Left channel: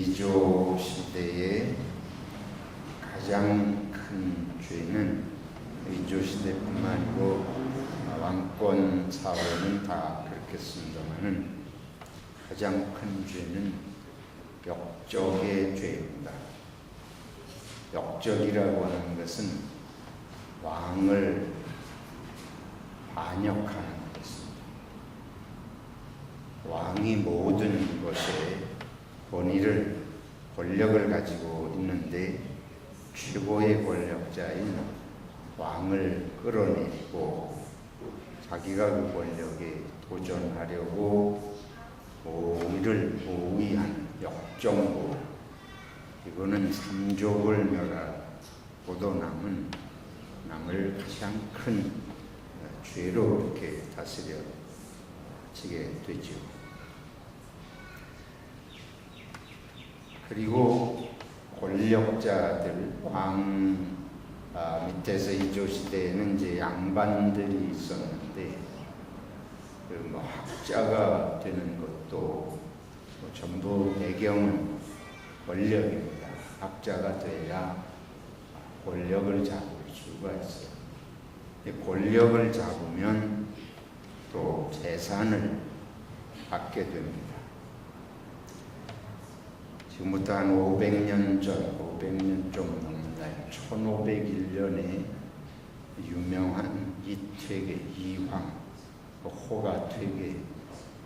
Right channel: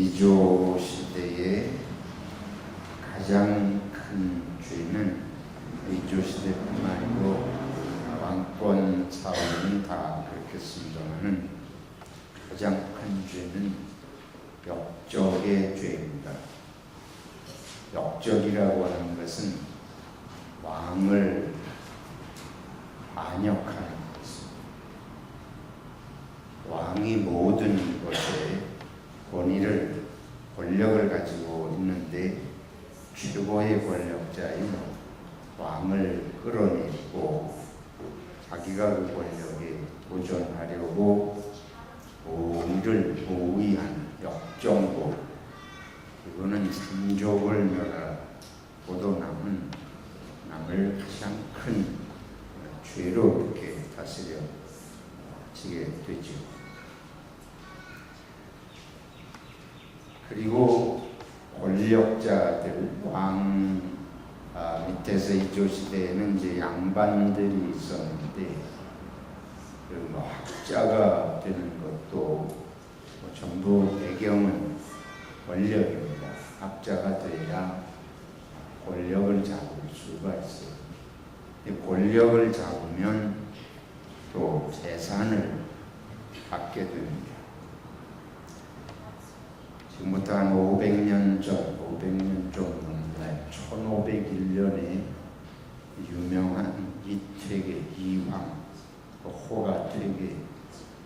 이조 시대의 가장 큰 죄는 이조 시대뿐만 아니고 왕권 사회는 다 그렇겠습니다만은 가장 큰 죄는 역적의 죄입니다. 역적이라고 하는 것은 왕을 반역하는 것입니다. 왕이 모든 것에 권력을 가지고 있는데 최고의 권력자인 왕을 끌어내리고 자기가 그 권력에 도전하려고 이를 모의하는 역정고, 이거는 삼족을 멸하고도 남을 가장 큰 죄로 이렇게 다스려지게 되죠. 그리고 권력자들, 왕 밑에서 이조 시대에는 이제 양반들이 있었는데, 학자가 되는 것도 전부 배경은 권력입니다. 학자가 돼야 권력을 잡을 수가 있어요. 권력을 잡으면 또 재산을 받게 됩니다. 지금부터 한 500년 좀 넘나요. 1501년에 유명한 이퇴계, 이황, 호가퇴계,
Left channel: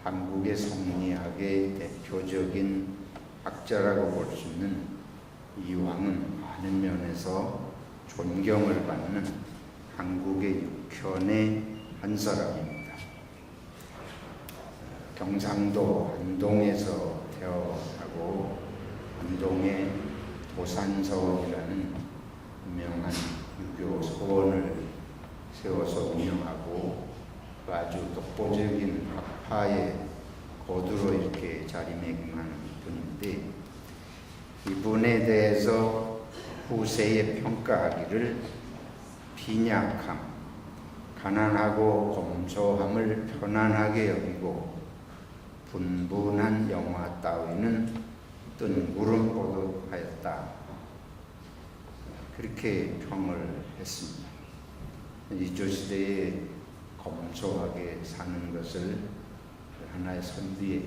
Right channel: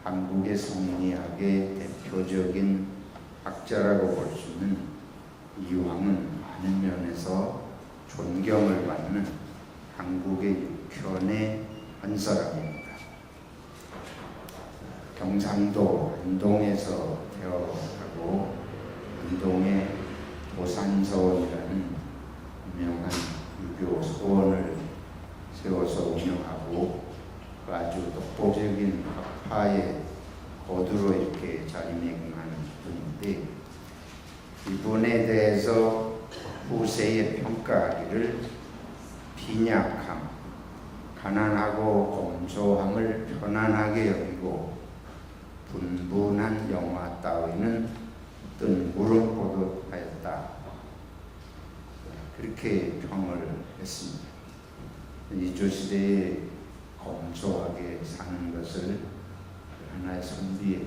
한국의 성리학의 대표적인 학자라고 볼 수 있는 이황은 많은 면에서 존경을 받는 한국의 육현의 한 사람입니다. 경상도 안동에서 태어나고 안동에 도산서원이라는 유명한 유교 서원을 세워서 운영하고 아주 독보적인 학파의 거두로 이렇게 자리매김하는 분인데, 이분에 대해서 후세에 평가하기를 빈약함, 가난하고 검소함을 편안하게 여기고 분분한 영화 따위는 뜬구름 보듯 하였다, 그렇게 평을 했습니다. 이조 시대에 검소하게 사는 것을 하나의 선비의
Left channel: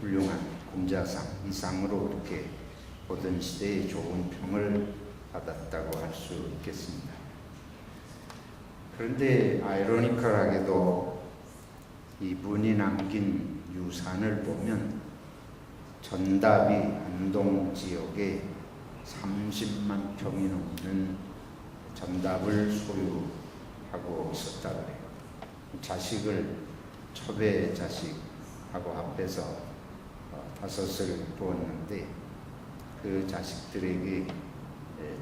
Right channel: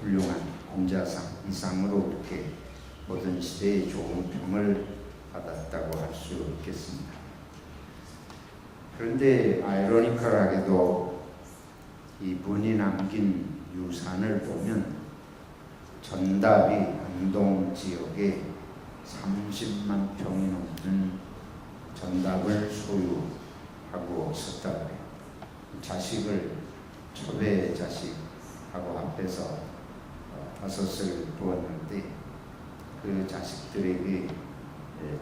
훌륭한 공자상 이상으로 이렇게 보던 시대에 좋은 평을 받았다고 할 수 있겠습니다. 그런데 아이러니컬하게도 이분이 남긴 유산을 보면 전답이 안동 지역에 30만 평이 넘는 전답을 소유하고 있었다 그래요. 자식을 첩의 자식하고 합해서 5을 두었는데 그 자식들에게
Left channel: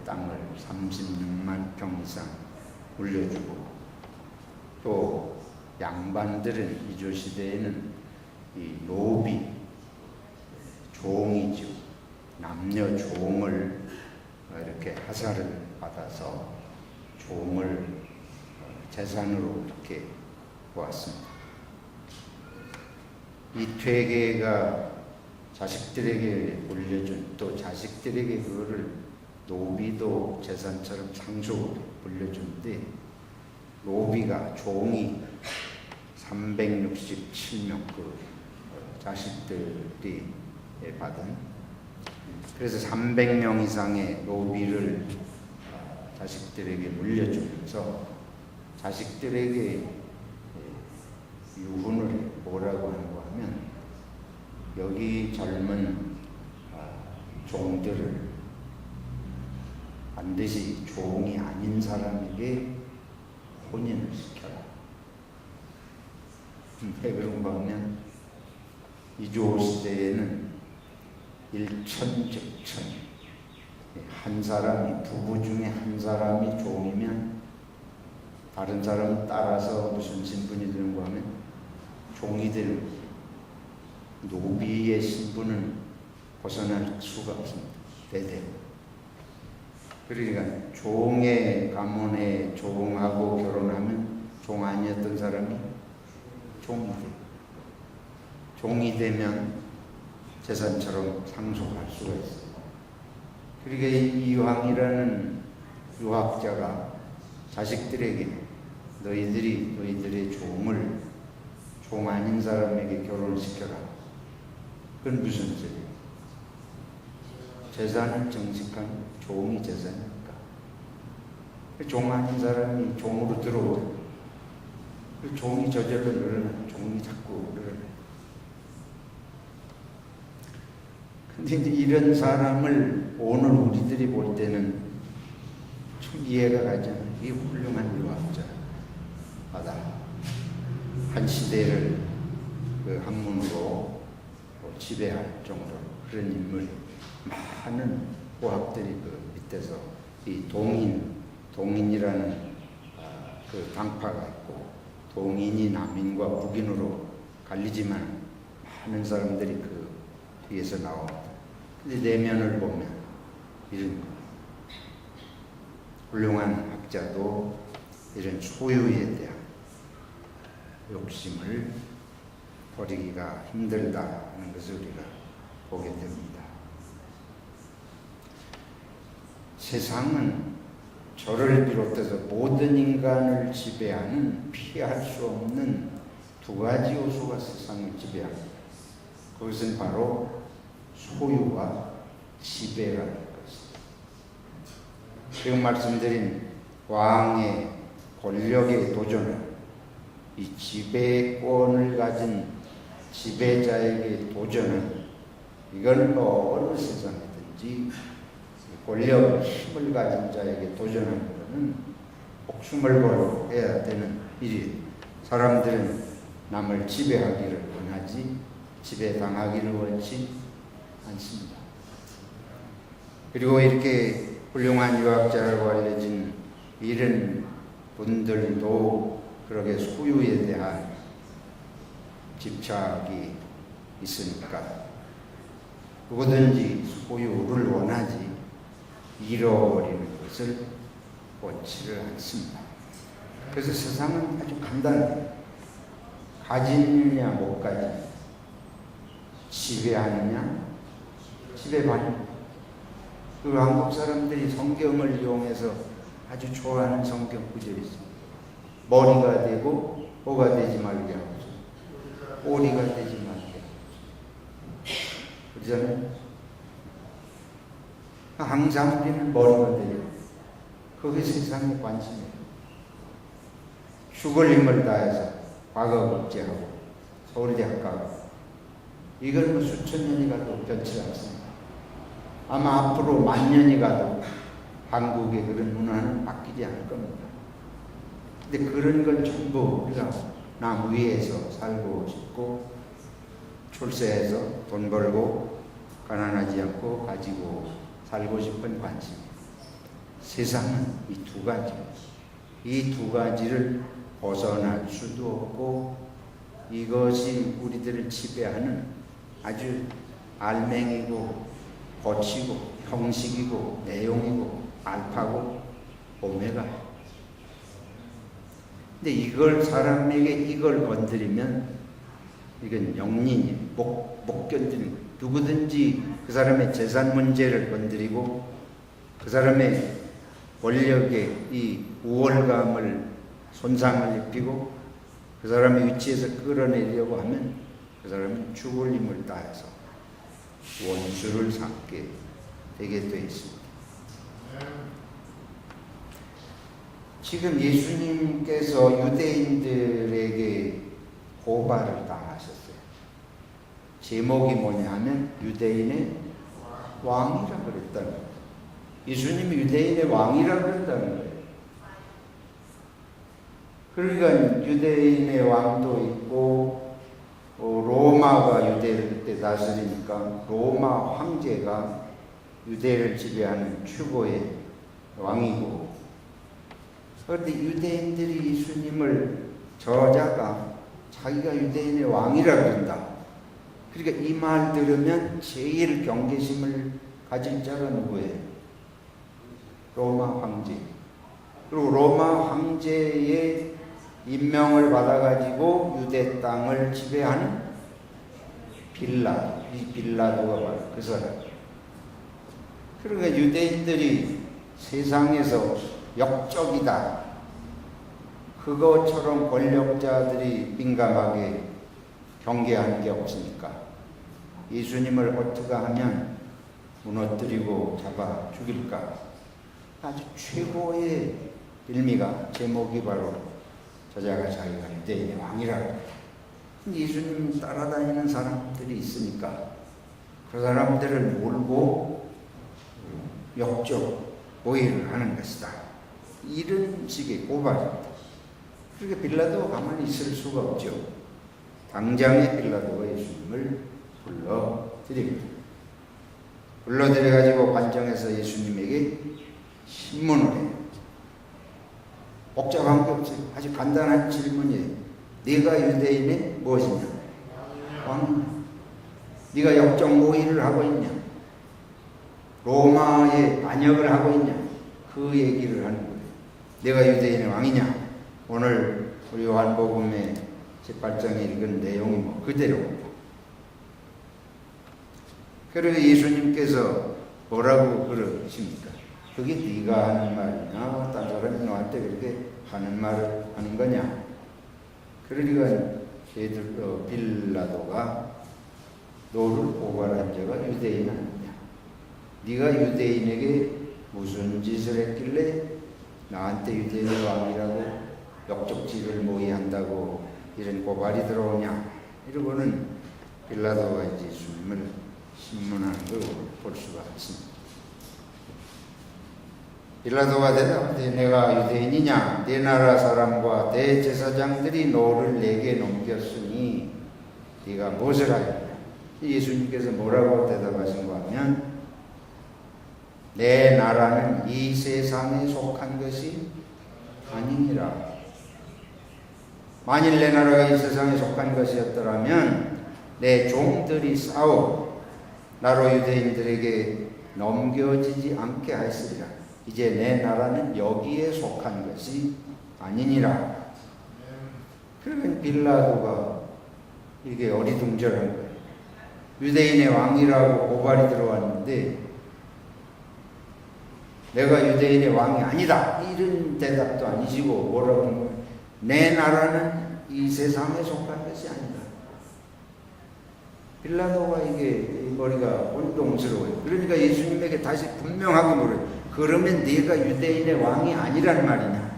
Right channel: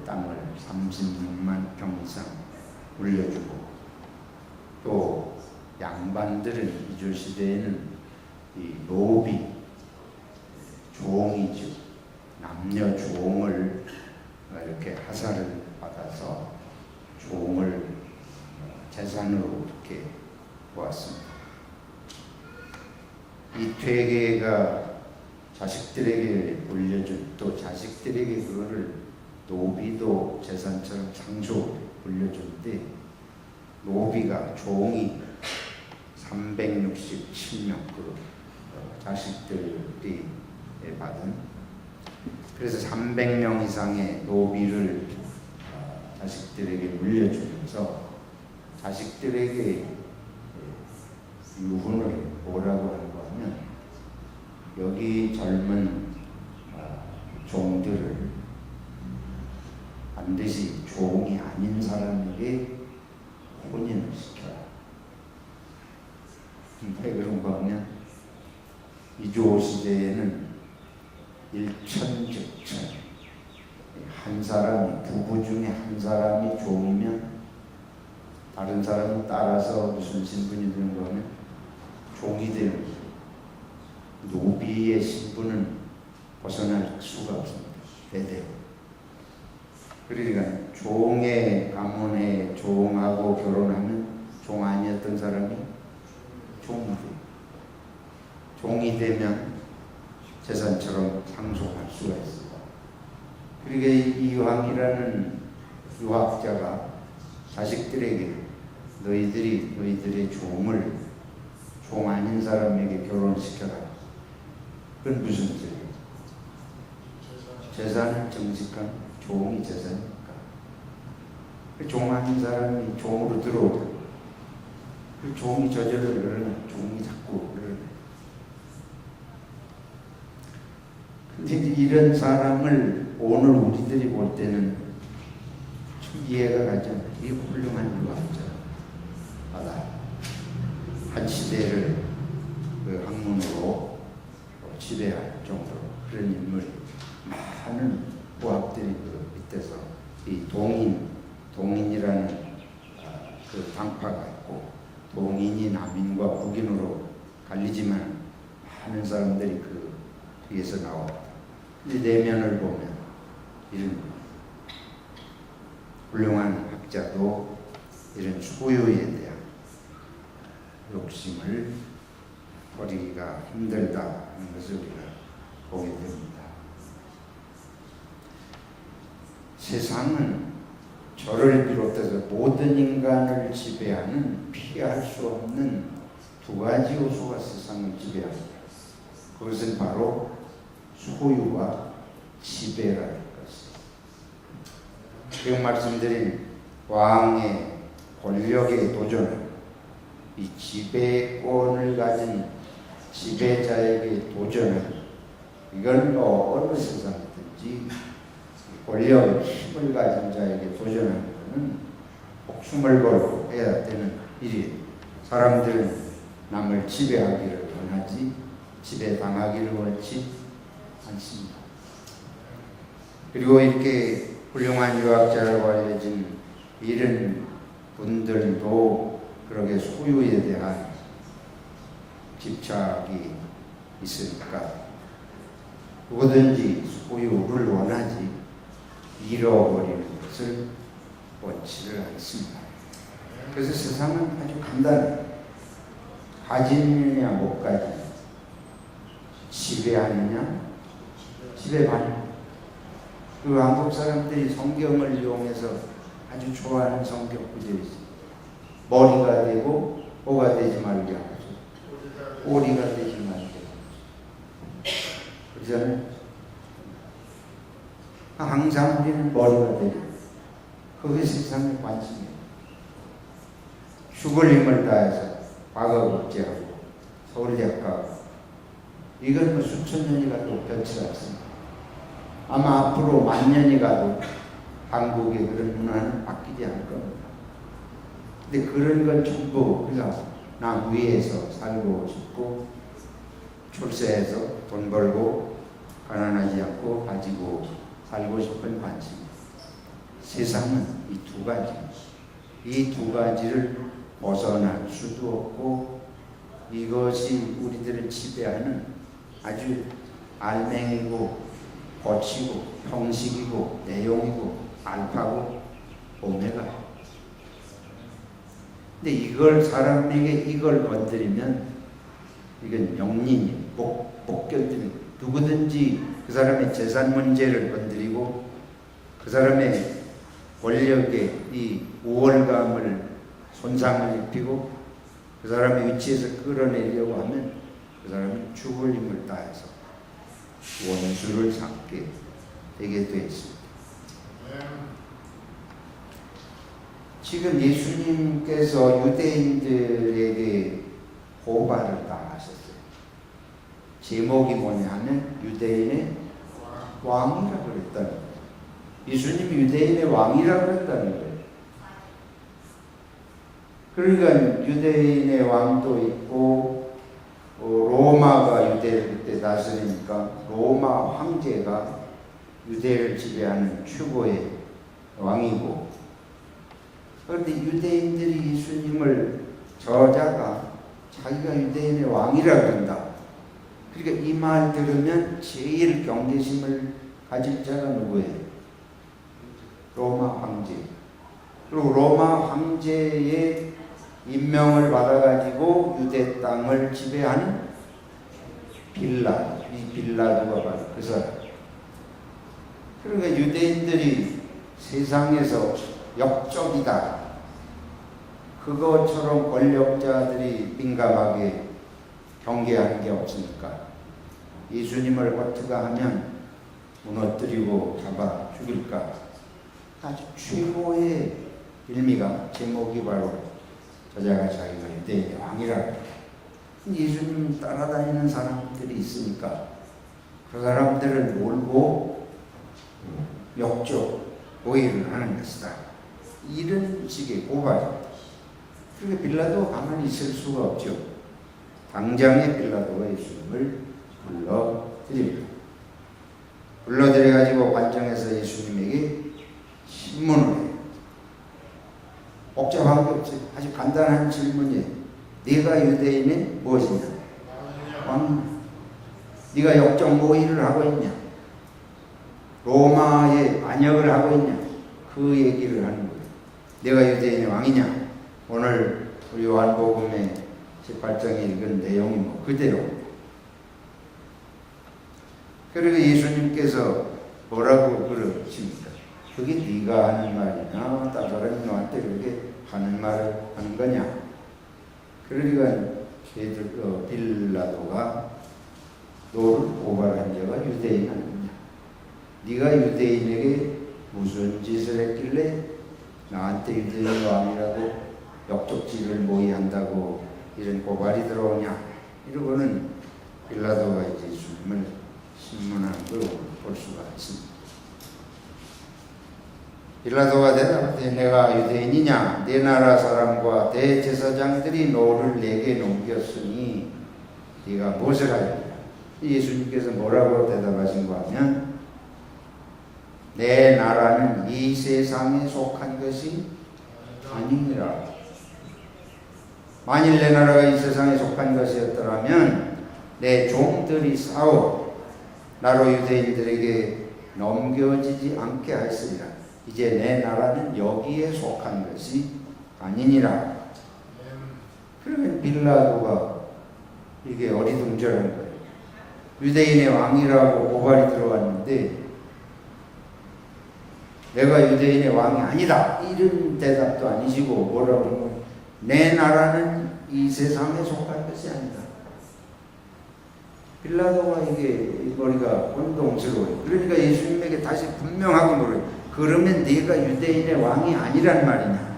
땅을 36만 평 이상 물려주고, 또 양반들은 이조 시대에는 이 노비, 종이죠. 남녀 종을 이렇게 하사를 받아서 종을 재산으로 이렇게 보았습니다. 이 퇴계가 자식들에게 물려준, 또 자식들에게 그거를 노비도 재산처럼 상속으로 물려주는데, 노비가 종이 367명 그 자식들이 받은, 그래서 300명 이상의 노비를 자식들에게 물려주면서 자식들에게 유훈을 뭐라고 하는가 하면, 여기 젊은 종들을 반드시 종이 아닌 사람에게 혼인을 시켜라. 왜 그런가 하면 이조 시대에는 일천즉천, 한 사람이, 부부 중에 한 사람이 종이면 다른 사람은 따라서 무슨 신분이 되는가 하면 종이 되는 거예요. 노비의 신분은 벗어날 수가 없습니다. 대대로. 그러니까 종의 가문의 종하고 결혼하면 종 아니었던 사람이 종이 돼요. 종이 되면 재산처럼 상속할 수가 있어요. 그러니까 이황이라는 유학자가 자식들에게 너희들의 종을 종 아닌 사람에게 결혼시켜라. 그건 무슨 소리예요? 재산을 정직한 종이 재산이니까. 종 아닌 사람이 종으로 들어오잖아요. 그 종이 저절로 늘어나요. 종이 자꾸 늘어나요. 근데 이런 사람을 오늘 우리들이 볼 때는 좀 이해가 가잖아요. 이 훌륭한 유학자마다 한 시대를 그 학문으로 지배할 정도로 그런 인물이 많은 고학들이 그 밑에서 이 동인이라는 그 당파가 있고 동인이 남인과 북인으로 갈리지만 많은 사람들이 그 뒤에서 나옵니다. 근데 내면을 보면 이런 거. 훌륭한 학자도 이런 소유에 대한 욕심을 버리기가 힘들다 하는 것을 우리가 보게 됩니다. 세상은 저를 비롯해서 모든 인간을 지배하는 피할 수 없는 두 가지 요소가 세상을 지배합니다. 그것은 바로 소유와 지배라는 것입니다. 지금 말씀드린 왕의 권력에 도전하는 이 지배권을 가진 지배자에게 도전하는 이건 어느 세상이든지 권력, 힘을 가진 자에게 도전하는 것은 목숨을 걸고 해야 되는 일이에요. 사람들은 남을 지배하기를 원하지 지배당하기를 원치 않습니다. 그리고 이렇게 훌륭한 유학자라고 알려진 이런 분들도 그렇게 소유에 대한 집착이 있으니까 누구든지 소유를 원하지 잃어버리는 것을 원치를 않습니다. 그래서 세상은 아주 간단해요. 가지느냐 못 가지느냐, 지배하느냐 지배받느냐. 그 한국 사람들이 성경을 이용해서 아주 좋아하는 성경 구절이 있습니다. 머리가 되고 오가 되지 말게 하고 오리가 되지 말게 하고. 그러잖아요. 항상 우리는 머리가 돼요. 그게 세상의 관심이에요. 죽을 힘을 다해서 과거국제하고 서울대학 가고 이건 뭐 수천 년이 가도 변치 않습니다. 아마 앞으로 만 년이 가도 한국의 그런 문화는 바뀌지 않을 겁니다. 근데 그런 건 전부 우리가 남 위에서 살고 싶고 출세해서 돈 벌고 가난하지 않고 가지고 살고 싶은 관심. 세상은 이 두 가지. 이 두 가지를 벗어날 수도 없고 이것이 우리들을 지배하는 아주 알맹이고 거치고 형식이고 내용이고 알파고 오메가예요. 근데 이걸 사람에게 이걸 건드리면 이건 영린이 못 견디는 거예요. 누구든지 그 사람의 재산 문제를 건드리고 그 사람의 권력의 이 우월감을 손상을 입히고 그 사람의 위치에서 끌어내려고 하면 그 사람은 죽을 힘을 다해서 원수를 삼게 되게 되어 있습니다. 지금 예수님께서 유대인들에게 고발을 당하셨어요. 제목이 뭐냐 하면 유대인의 왕이라 그랬다는 거예요. 예수님이 유대인의 왕이라 그랬다는 거예요. 그러니까 유대인의 왕도 있고 로마가 유대를 그때 다스리니까 로마 황제가 유대를 지배하는 최고의 왕이고, 그런데 유대인들이 예수님을 저자가 자기가 유대인의 왕이라 그런다. 그러니까 이 말 들으면 제일 경계심을 가질 자가 누구예요? 로마 황제. 그리고 로마 황제의 임명을 받아가지고 유대 땅을 지배하는 이 빌라도가 바로 그 사람. 그러니까 유대인들이 세상에서 역적이다, 그것처럼 권력자들이 민감하게 경계하는 게 없으니까 예수님을 어떻게 하면 무너뜨리고 잡아 죽일까, 아주 최고의 빌미가, 제목이 바로 저자가 자기가 유대인의 왕이라. 예수님 따라다니는 사람들이 있으니까 그 사람들을 몰고 역적 오해를 하는 것이다, 이런 식의 고발입니다. 그렇게 빌라도가 가만히 있을 수가 없죠. 당장에 빌라도가 예수님을 불러드립니다. 불러들여가지고 관정에서 예수님에게 신문을 해요. 복잡한 게 없어요. 아주 간단한 질문이에요. 네가 유대인의 무엇이냐? 왕이냐? 네가 역적 모의를 하고 있냐? 로마의 반역을 하고 있냐? 그 얘기를 하는 거예요. 내가 유대인의 왕이냐? 오늘 우리 요한복음의 18장에 읽은 내용이 뭐 그대로입니다. 그리고 예수님께서 뭐라고 그러십니까? 그게 네가 하는 말이냐? 딴 사람이 너한테 그렇게 하는 말을 하는 거냐? 그러니까 빌라도가 너를 고발한 자가 유대인 아니냐? 네가 유대인에게 무슨 짓을 했길래 나한테 유대인의 왕이라고 역적질을 모의한다고 이런 고발이 들어오냐? 이러고는 빌라도가 이제 예수님을 신문하는 걸 볼 수가 있습니다. 빌라도가 대답하되 내가 유대인이냐? 내 나라 사람과 대제사장들이 너를 내게 넘겼으니 네가 무엇을 하였냐? 예수님께서 뭐라고 대답하신가 하면 내 나라는 이 세상에 속한 것이 아니니라. 만일 내 나라가 이 세상에 속한 것이었더라면 내 종들이 싸워 나로 유대인들에게 넘겨지지 않게 하였으리라. 이제 내 나라는 여기에 속한 것이 아니니라. 그러면 빌라도가 이게 어리둥절한 거예요. 유대인의 왕이라고 고발이 들어왔는데 내가 유대인의 왕이 아니다, 이런 대답도 아니시고 뭐라고 하는 거예요? 내 나라는 이 세상에 속한 것이 아니다. 빌라도가 이게 머리가 혼동스러워요. 그러니까 예수님에게 다시 분명하게 물어요. 그러면 네가 유대인의 왕이 아니란 말이냐?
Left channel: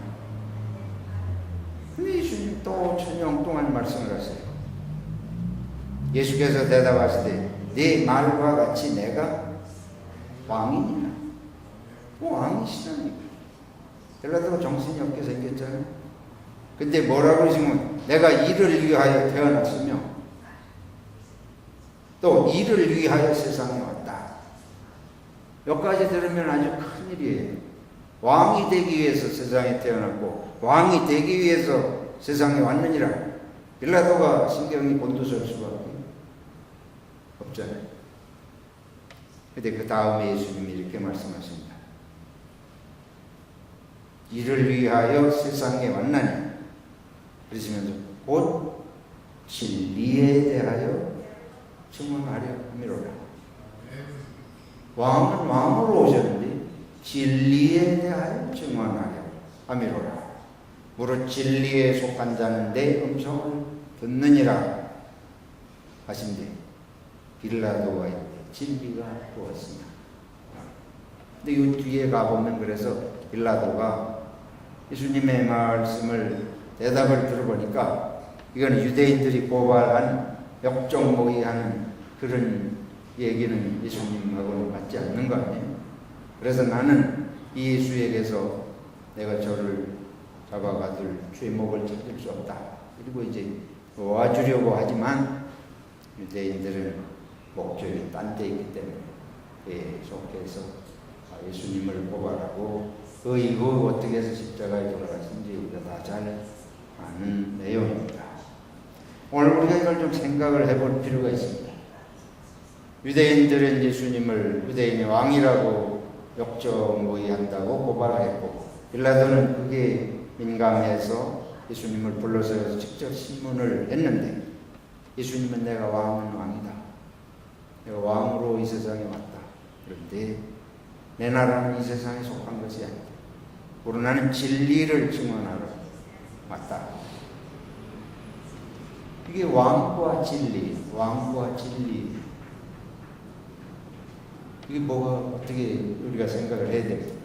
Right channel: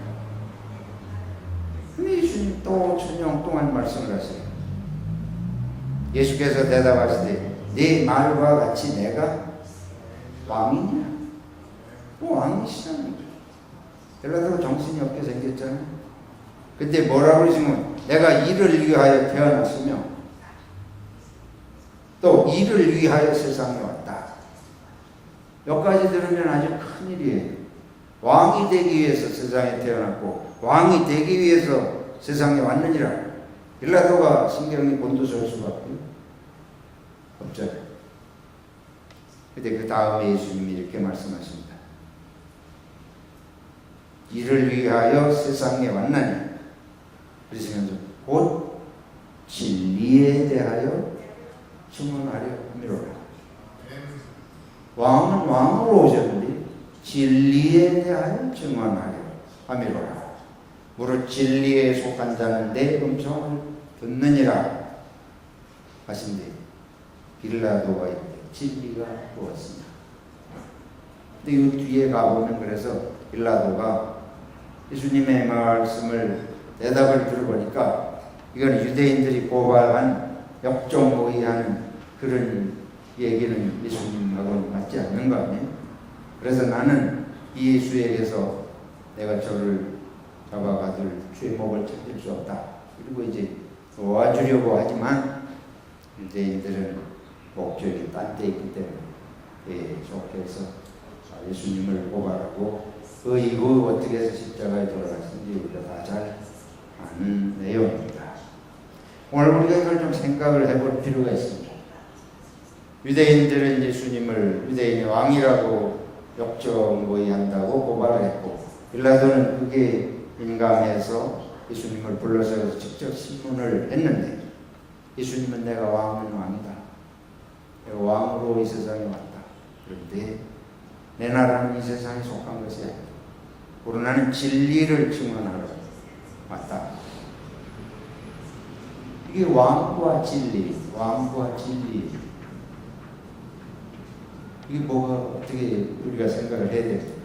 근데 예수님 또 천영 동안 말씀을 하세요. 예수께서 대답하시되 네 말과 같이 내가 왕이냐? 왕이시라는 거예요. 빌라도가 정신이 없게 생겼잖아요. 근데 뭐라고 그러시면 내가 이를 위하여 태어났으며 또 이를 위하여 세상에 왔다. 여기까지 들으면 아주 큰일이에요. 왕이 되기 위해서 세상에 태어났고 왕이 되기 위해서 세상에 왔느니라. 빌라도가 신경이 곤두설 수밖에 없잖아요. 근데 그 다음에 예수님이 이렇게 말씀하십니다. 이를 위하여 세상에 왔나니, 그러시면서 곧 진리에 대하여 증언하려 함이로라. 왕은 왕으로 오셨는데 진리에 대하여 증언하려 함이로라. 무릇 진리에 속한 자는 내 음성을 듣느니라 하신대 빌라도가 이르되 진리가 무엇이냐? 근데 이 뒤에 가보면 그래서 빌라도가 예수님의 말씀을 대답을 들어보니까 이거는 유대인들이 고발한 역적 모의하는 그런 얘기는 예수님하고는 맞지 않는 거 아니에요? 그래서 나는 이 예수에게서 내가 저를 잡아가둘 죄목을 찾을 수 없다. 그리고 이제 도와주려고 하지만 유대인들은 목적이 딴 데 있기 때문에 계속해서 예수님을 고발하고 그 이후 어떻게 해서 십자가에 돌아가신지 우리가 다 잘 아는 내용입니다. 오늘 우리가 이걸 좀 생각을 해볼 필요가 있습니다. 유대인들은 예수님을 유대인의 왕이라고 역적 모의한다고 고발을 했고 빌라도는 그게 민감해서 예수님을 불러서 직접 신문을 했는데 예수님은 내가 왕은 왕이다. 내가 왕으로 이 세상에 왔다. 그런데 내 나라는 이 세상에 속한 것이 아니다. 오로 나는 진리를 증언하러 왔다. 이게 왕과 진리, 왕과 진리. 이게 뭐가 어떻게 우리가 생각을 해야 됩니까?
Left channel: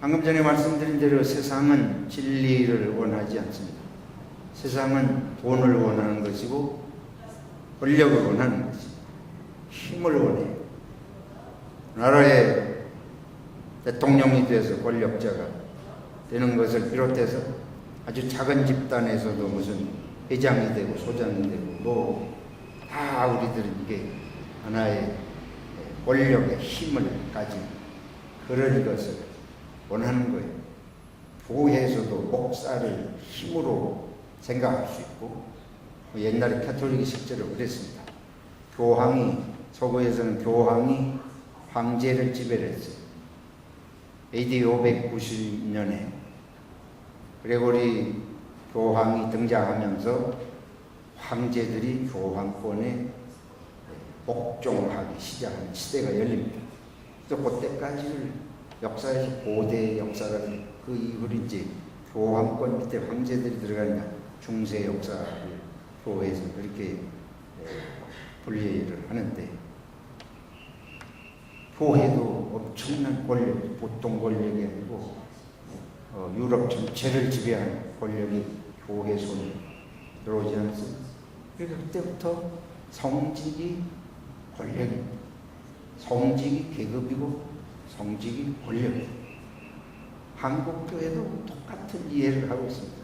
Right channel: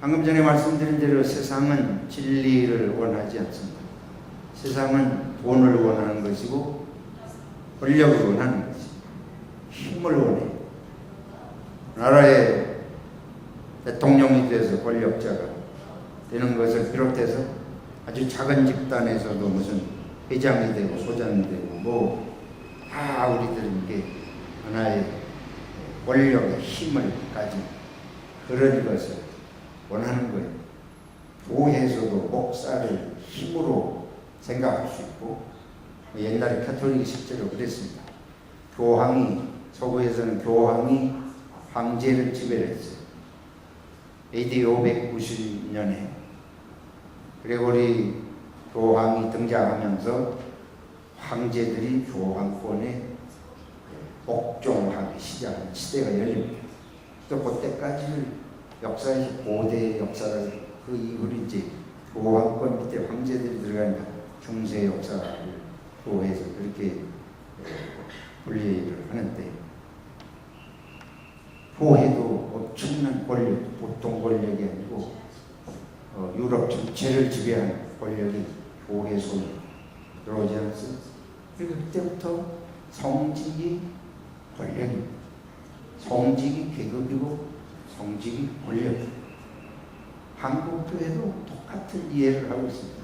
방금 전에 말씀드린 대로 세상은 진리를 원하지 않습니다. 세상은 돈을 원하는 것이고 권력을 원하는 것이고 힘을 원해요. 나라의 대통령이 돼서 권력자가 되는 것을 비롯해서 아주 작은 집단에서도 무슨 회장이 되고 소장이 되고 뭐 다 우리들은 이게 하나의 권력의 힘을 가진 그런 것을 원하는 거예요. 교회에서도 목사를 힘으로 생각할 수 있고 옛날에 가톨릭이 실제로 그랬습니다. 교황이 서구에서는 교황이 황제를 지배를 했어요. AD 590년에 그레고리 교황이 등장하면서 황제들이 교황권에 복종하기 시작하는 시대가 열립니다. 그래서 그때까지를 역사에서 고대 역사라고 그 이후로 이제 교황권 밑에 황제들이 들어가니까 중세 역사를 교회에서 그렇게 분리를 하는데 교회도 엄청난 권력, 보통 권력이 아니고 유럽 전체를 지배하는 권력이 교회 손에 들어오지 않았어요. 그러니까 그때부터 성직이 권력입니다. 성직이 계급이고 성직이 권력입니다. 한국 교회도 똑같은 이해를 하고 있습니다.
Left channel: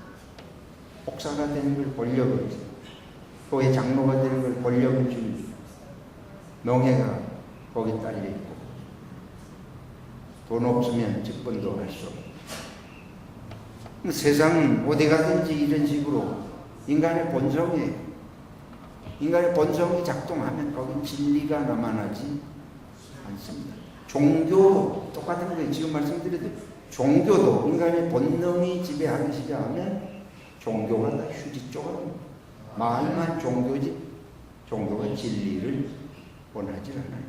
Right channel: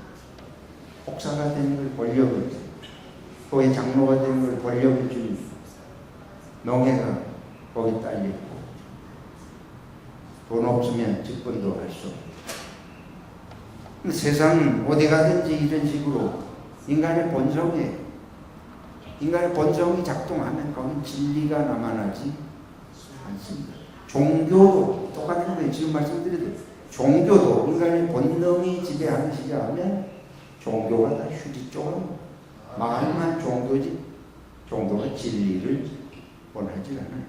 목사가 되는 걸 권력을 주고 교회 장로가 되는 걸 권력을 주니 명예가 거기 딸려있고 돈 없으면 직분도 할 수 없고 세상은 어디 가든지 이런 식으로 인간의 본성이 작동하면 거긴 진리가 남아나지 않습니다. 종교도 똑같은 거예요. 지금 말씀드려도 종교도 인간의 본능이 지배하기 시작하면 종교가 다 휴지 쪽으로 말만 종교지 종교가 진리를 원하지 않아요.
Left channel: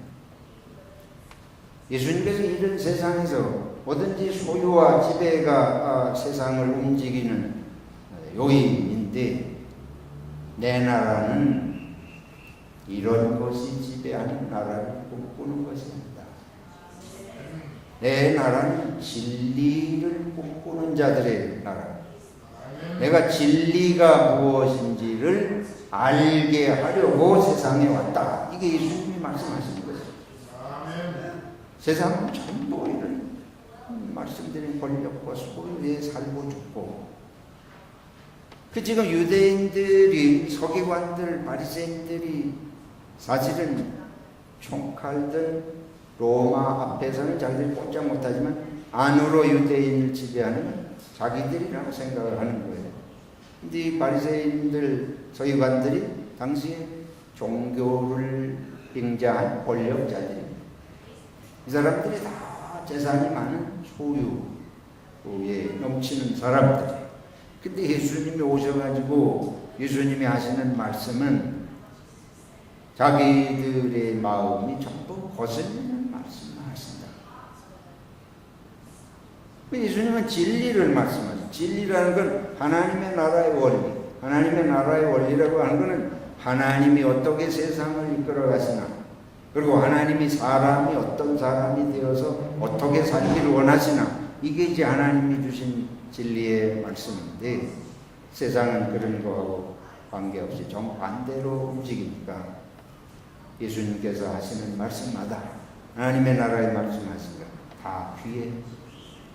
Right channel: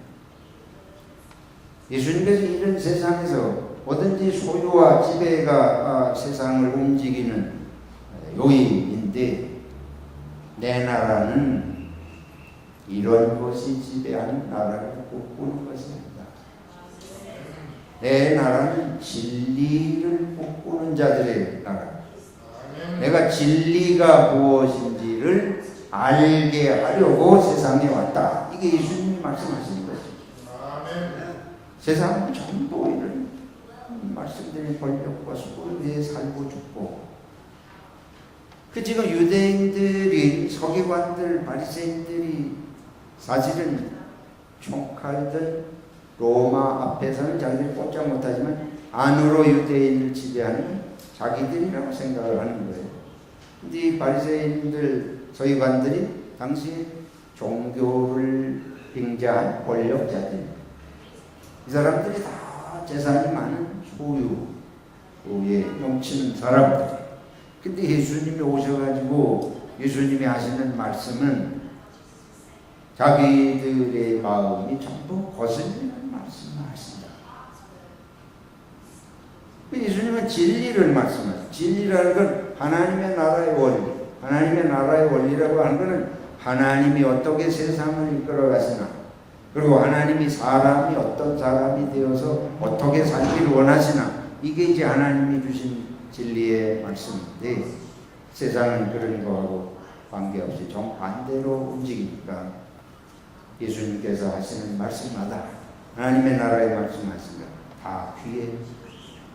예수님께서 이런 세상에서 뭐든지 소유와 지배가 세상을 움직이는 요인인데 내 나라는 이런 것이 지배하는 나라를 꿈꾸는 것이 아니다. 내 나라는 진리를 꿈꾸는 자들의 나라. 내가 진리가 무엇인지를 알게 하려고 세상에 왔다. 이게 예수님이 말씀하시는 거죠. 세상은 전부 이런 말씀드린 권력과 소유에 살고 죽고 지금 유대인들이 서기관들 바리새인들이 사실은 총칼든 로마 앞에서는 자기들이 꼼짝 못하지만 안으로 유대인을 지배하는 자기들이라고 생각을 하는 거예요. 근데 이 바리새인들 서기관들이 당시에 종교를 빙자한 권력자들입니다. 이 사람들이 다 재산이 많은 소유에 넘치는 사람들. 근데 예수님이 오셔가지고 예수님이 하시는 말씀은 자기들의 마음이 전부 거슬리는 말씀을 하신다. 예수님은 진리를 말씀하세요. 진리라는 건 하나님의 나라의 원리. 하나님의 나라의 원리라고 하는 것은 하나님이 어떻게 세상을 이끌어 가시나, 그리고 하나님이 사람이 어떤 사람이 되어서 어떻게 살기를 원하시나, 이게 이제 하나님이 주신 진리의 말씀인데 세상은 그런 거하고 관계없이 정반대로 움직이니까 예수님께서 하시는 말씀마다 하나님의 나라의 말씀하신 것 다 귀에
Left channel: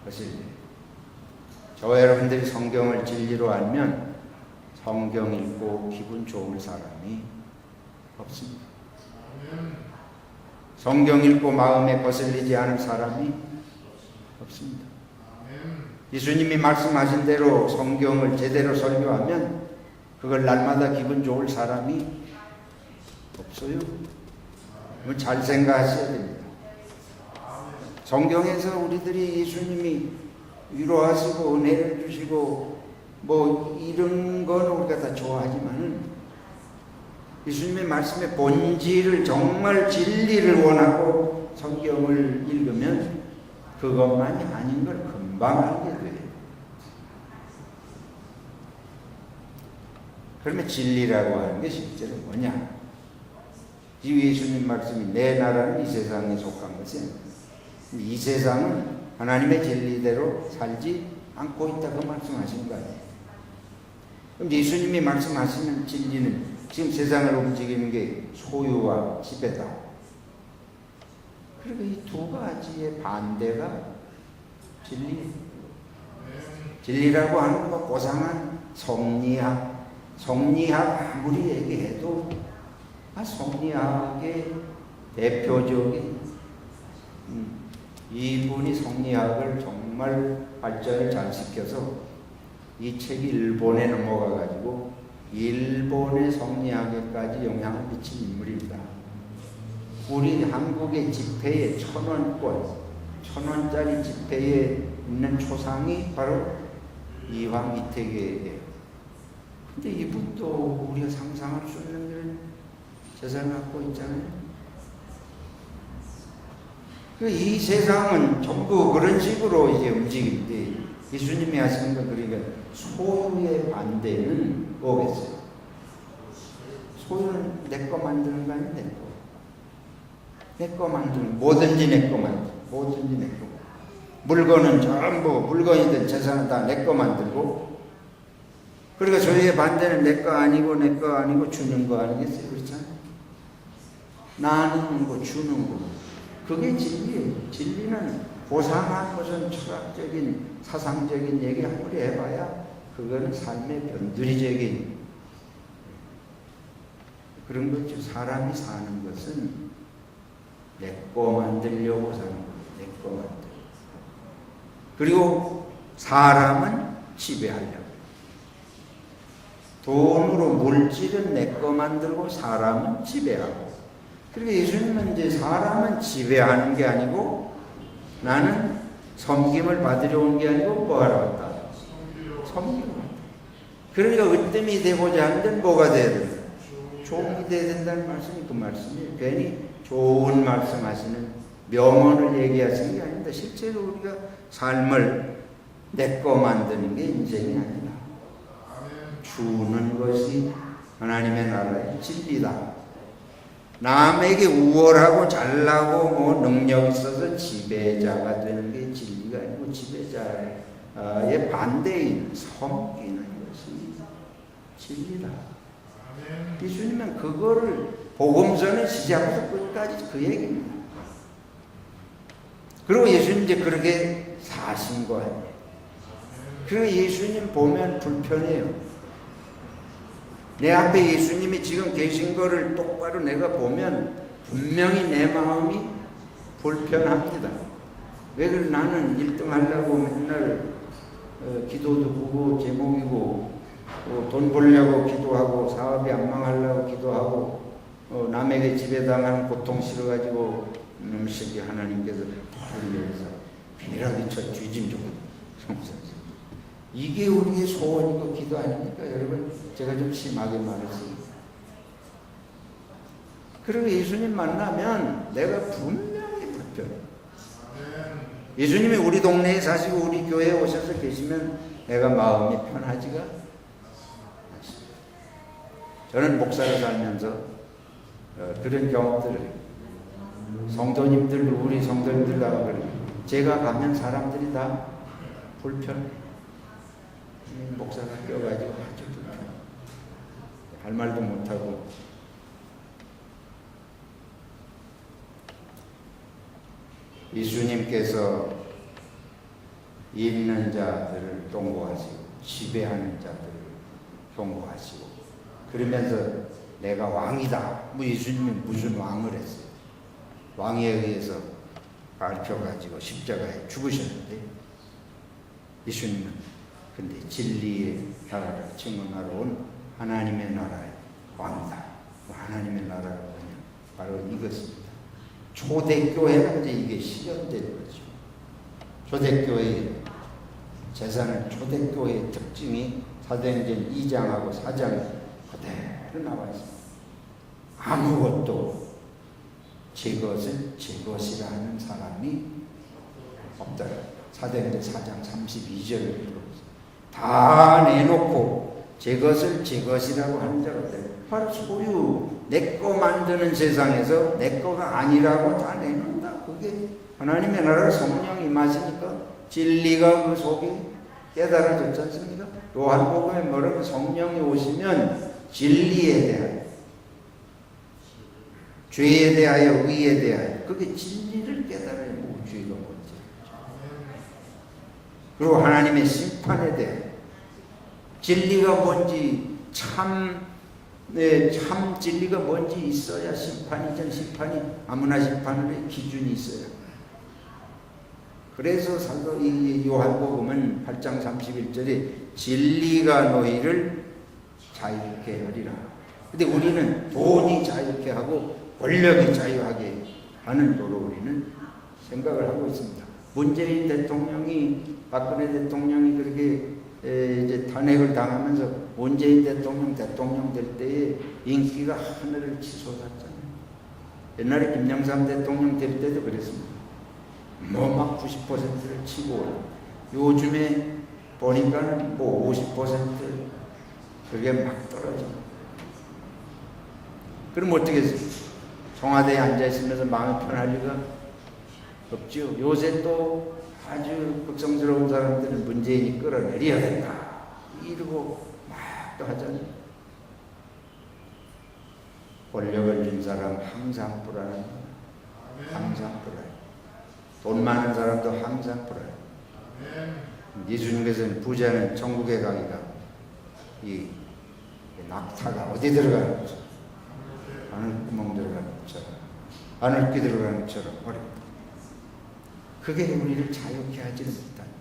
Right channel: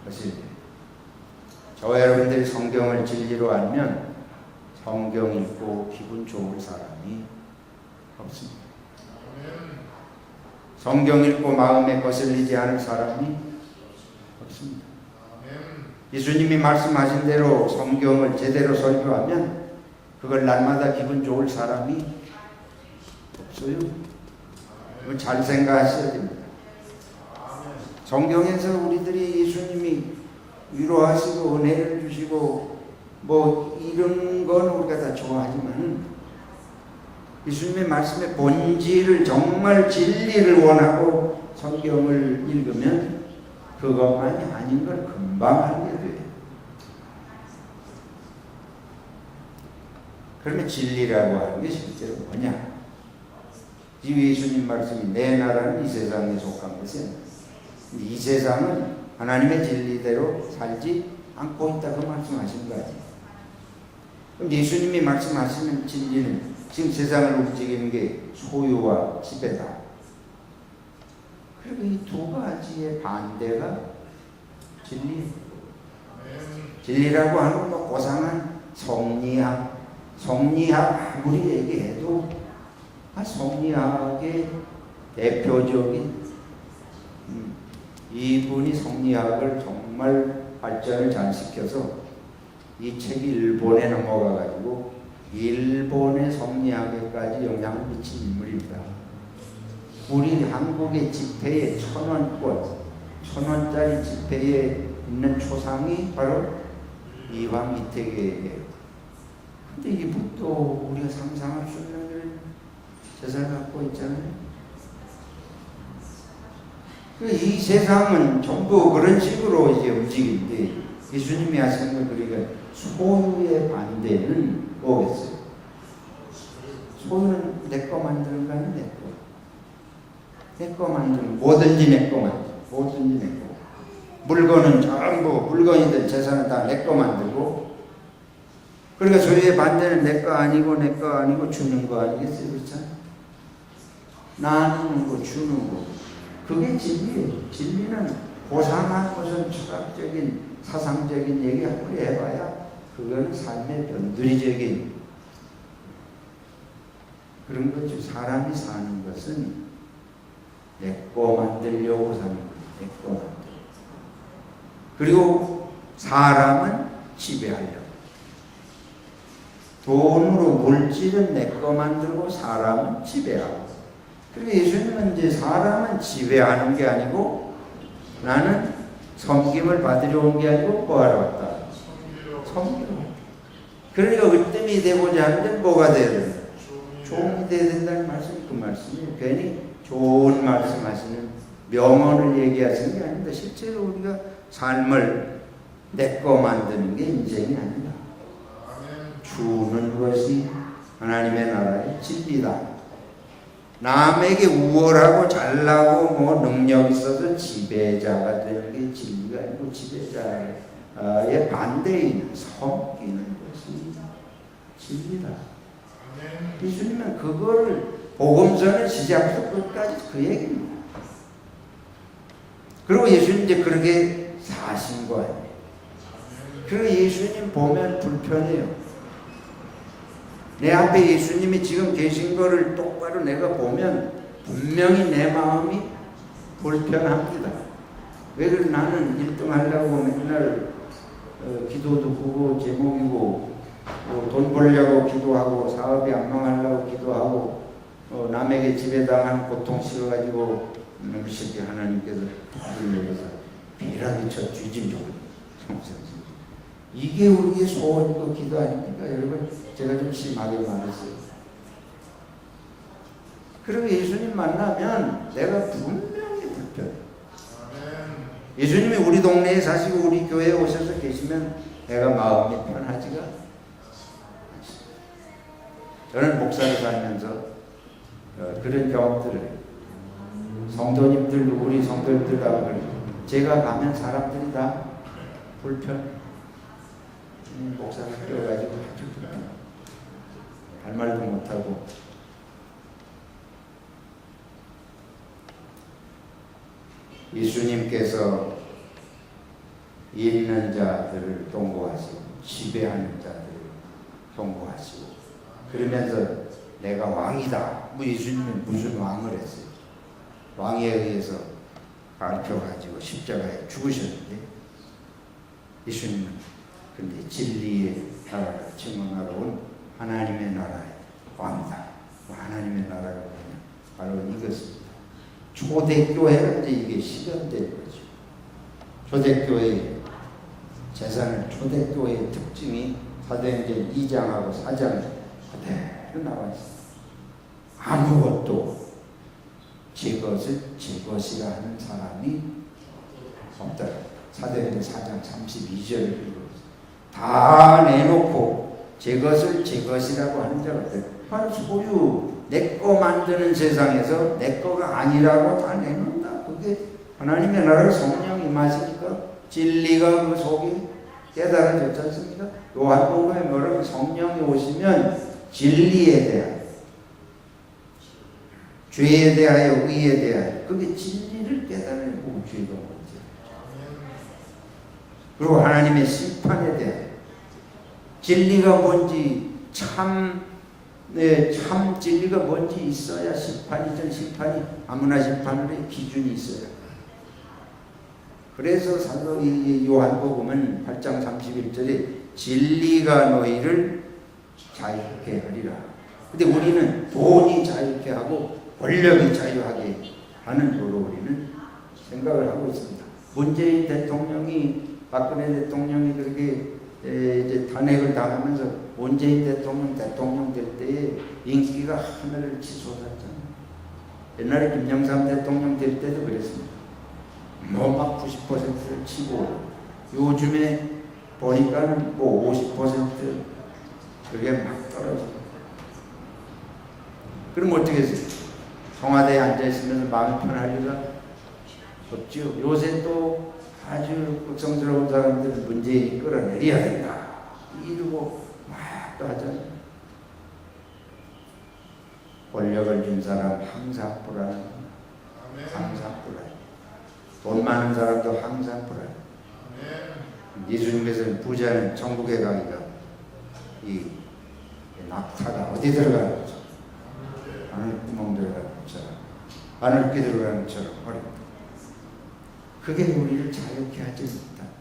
거슬려요. 저와 여러분들이 성경을 진리로 알면 성경 읽고 기분 좋을 사람이 없습니다. 성경 읽고 마음에 거슬리지 않을 사람이 없습니다. 예수님이 말씀하신 대로 성경을 제대로 설교하면 그걸 날마다 기분 좋을 사람이 없어요. 이거 잘 생각하셔야 됩니다. 성경에서 우리들이 예수님이 위로하시고 은혜를 주시고 뭐 이런 건 우리가 다 좋아하지만은 예수님의 말씀의 본질을 정말 진리를 원하고 성경을 읽으면 그것만이 아닌 걸 금방 알게 돼요. 그러면 진리라고 하는 게 실제로 뭐냐? 이 예수님 말씀이 내 나라는 이 세상에 속한 것이 아니라 이 세상은 하나님의 진리대로 살지 않고 있다 그 말씀하시는 거 아니에요. 그럼 예수님이 말씀하시는 진리는 지금 세상을 움직이는 게 소유와 지배다. 그리고 이 두 가지의 반대가 진리. 진리라고 하는 건 고상한 성리학 아무리 얘기해도 성리학의 대표적인 이분이 성리학을 정말 발전을 잘 시켜서 이 책이 일본에 넘어가 가지고 일본의 성리학에까지 영향을 미친 인물입니다. 우리 한국의 지폐에 1,000원짜리 지폐에 있는 초상이 바로 이황 이태계예요. 근데 이분도 우리가 상상할 수 없는 재산을 갖고 있잖아요. 이 세상은 전부 그런 식으로 이제 움직이는데 예수님이 하시는 건 그러니까 소유의 반대는 뭐겠어요? 소유는 내 거 만드는 거 아니에요? 내 거 만드는 뭐든지 내 거 만들고 뭐든지 내 거. 물건은 전부 물건이든 재산은 다 내 거 만들고 그러니까 소유의 반대는 내 거 아니고 주는 거 아니겠어요? 그렇잖아요. 나누는 거 주는 거 그게 진리예요. 진리는 고상한 무슨 철학적인 사상적인 얘기 아무리 해봐야 그거는 삶의 변두리적인 그런 거죠. 사람이 사는 것은 내 거 만들려고 사는 거예요. 내 거 만들려고. 그리고 사람은 지배하려고. 돈으로 물질은 내 거 만들고 사람은 지배하고. 그리고 예수님은 이제 사람은 지배하는 게 아니고 나는 섬김을 받으려 온 게 아니고 뭐하러 왔다? 섬기러 왔다. 그러니까 으뜸이 되고자 하는데 뭐가 돼야 된다? 종이 돼야 된다는 말씀이 그 말씀이에요. 괜히 좋은 말씀하시는 명언을 얘기하시는 게 아닙니다. 실제로 우리가 삶을 내 거 만드는 게 인생이 아니다. 주는 것이 하나님의 나라의 진리다. 남에게 우월하고 잘나고 뭐 능력 있어서 지배자가 되는 게 진리가 아니고 지배자의 반대인 섬기는 것이 진리다. 예수님은 그거를 복음서는 시작부터 끝까지 그 얘기입니다. 그리고 예수님 이제 그렇게 사신 거 아니에요. 그리고 예수님 보면 불편해요. 내 앞에 예수님이 지금 계신 거를 똑바로 내가 보면 분명히 내 마음이 불편합니다. 왜 그래? 나는 1등 하려고 맨날 기도도 보고 제목이고 돈 벌려고 기도하고 사업이 안 망하려고 기도하고 남에게 지배당하는 고통 싫어가지고 놈새끼 하나님께서 불러서 비라기쳐 뒤짐 좋거든. 이게 우리의 소원이고 기도 아닙니까? 여러분 제가 좀 심하게 말했어요. 그리고 예수님 만나면 내가 분명히 불편해. 예수님이 우리 동네에 사시고 우리 교회에 오셔서 계시면 내가 마음이 편하지가 않습니다. 저는 목사로 살면서 그런 경험들을 해요. 성도님들 우리 성도님들 다 그래요. 제가 가면 사람들이 다 불편해. 목사가 껴가지고 아주 불편해. 할 말도 못하고. 예수님께서 있는 자들을 경고하시고 지배하는 자들을 경고하시고 그러면서 내가 왕이다. 뭐 예수님은 무슨 왕을 했어요? 왕에 의해서 밟혀가지고 십자가에 죽으셨는데 예수님은 근데 진리의 나라를 증언하러 온 하나님의 나라의 왕이다. 하나님의 나라가 뭐냐? 바로 이것입니다. 초대교회가 이제 이게 실현된 거죠. 초대교회의 재산은 초대교회의 특징이 사도행전 2장하고 4장 그대로 나와 있습니다. 아무것도 제 것을 제 것이라 하는 사람이 없다. 사도행전 4장 32절을 읽어보세요. 다 내놓고 제 것을 제 것이라고 하는 자가 없다. 바로 소유, 내 거 만드는 세상에서 내 거가 아니라고 다 내놓는다. 그게 하나님의 나라를 성령이 임하시니까 진리가 그 속에 깨달아졌지 않습니까? 요한복음에 뭐라고 성령이 오시면 진리에 대하여, 죄에 대하여, 의에 대하여, 그게 진리를 깨달아야 뭐 죄가 뭔지, 그리고 하나님의 심판에 대하여, 진리가 뭔지, 참 진리가 뭔지 있어야 심판이죠. 심판이 아무나 심판을 해 기준이 있어요. 그래서 사도 요한복음은 8장 31절에 진리가 너희를 자유케 하리라. 근데 우리는 돈이 자유케 하고 권력이 자유하게 하는 거로 우리는 생각을 하고 있습니다. 문재인 대통령이, 박근혜 대통령이 그렇게 이제 탄핵을 당하면서 문재인 대통령 될 때에 인기가 하늘을 치솟았잖아요. 옛날에 김영삼 대통령 될 때도 그랬습니다. 뭐 막 90%를 치고, 요즘에 보니까는 뭐 50% 그게 막 떨어집니다. 그럼 어떻게 했어요? 청와대에 앉아있으면서 마음이 편할 리가 없죠. 요새 또 아주 극성스러운 사람들은 문재인이 끌어내려야 된다 이러고 막 또 하잖아요. 권력을 준 사람 항상 불안합니다. 항상 불안해. 돈 많은 사람도 항상 불안해. 예수님께서는 부자는 천국에 가기가 이 낙타가 어디 들어가는 것처럼, 하늘구멍 들어가는 것처럼, 하늘길 들어가는 것처럼 어렵다. 그게 우리를 자유케 하지 못한다.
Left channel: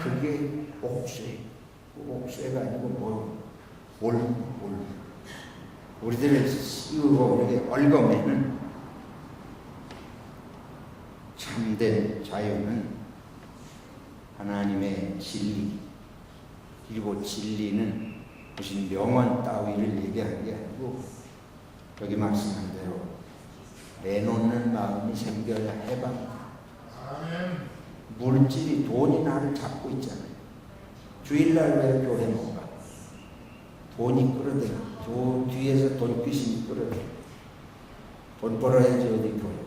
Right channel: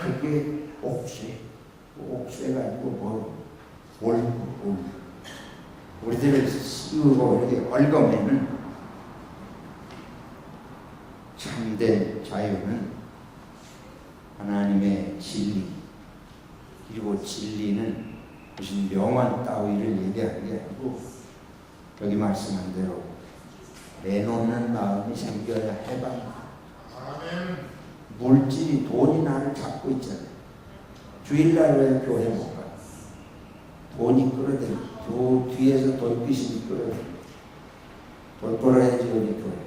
그게 옥쇠가 아니고 우리들을 씌우고 이렇게 얽어매는 참된 자유는 하나님의 진리, 그리고 진리는 무슨 명언 따위를 얘기하는 게 아니고 여기 말씀한 대로 내놓는 마음이 생겨야 해방다. 물질이, 돈이 나를 잡고 있잖아요. 주일날 왜 교회 못 가? 돈이 끌어들여. 저 뒤에서 돈귀신이 끌어들여. 돈 벌어야지 어디 교회.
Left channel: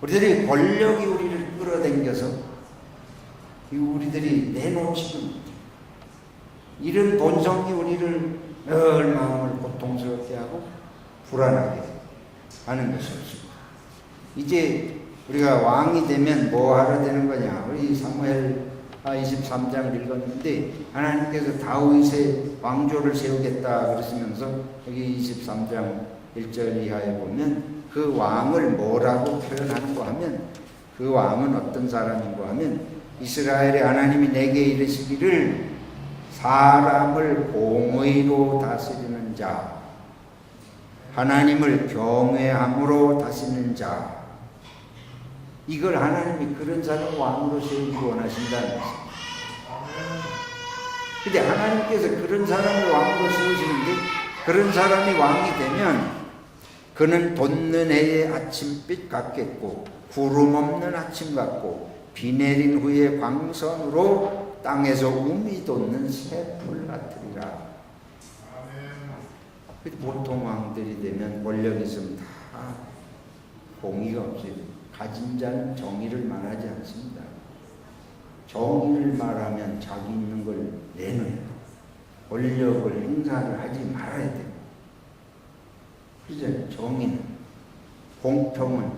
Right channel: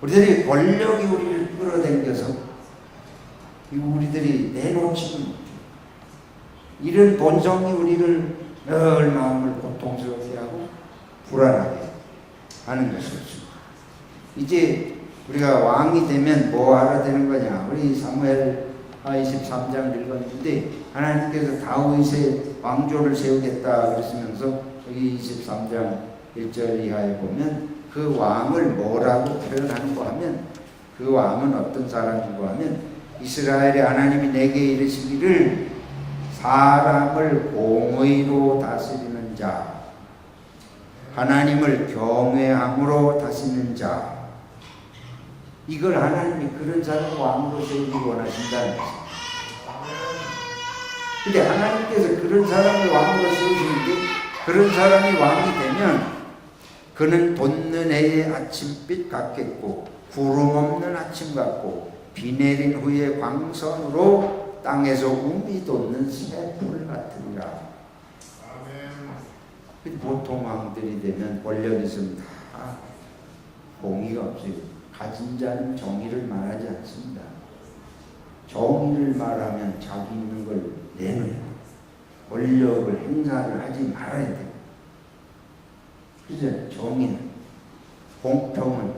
우리들이 권력이 우리를 끌어당겨서 우리들이 내놓지도 못해. 이런 본성이 우리를 늘 마음을 고통스럽게 하고 불안하게 하는 것이었습니다. 이제 우리가 왕이 되면 뭐 하러 되는 거냐? 우리 사무엘 23장을 읽었는데 하나님께서 다윗의 왕조를 세우겠다 그러시면서 여기 23장 1절 이하에 보면 그 왕을 뭐라고 표현하는가 하면, 그 왕은 어떤 사람인가 하면 이스라엘의 하나님이 내게 이르시기를 사람을 공의로 다스리는 자, 하나님을 경외함으로 다스리는 자, 이걸 하나님이 그런 사람을 왕으로 세우기 원하신다는 것입니다. 근데 하나님께서 그런 사람을 왕으로 세우시는데, 그런 사람이 왕이 되면 그는 돋는 해의 아침빛 같겠고 구름 없는 아침 같고 비 내린 후에 광선으로 땅에서 우미 돋는 새풀 같으리라. 보통 왕들이 되면 권력이 있으면 다 공의가 없어요. 가진 자는 정의를 말하지 않습니다. 정의를 말하면 자기 있는 걸 내놔야 돼요. 권력을 행사를 하지 말아야 돼요. 그죠? 정의는, 공평은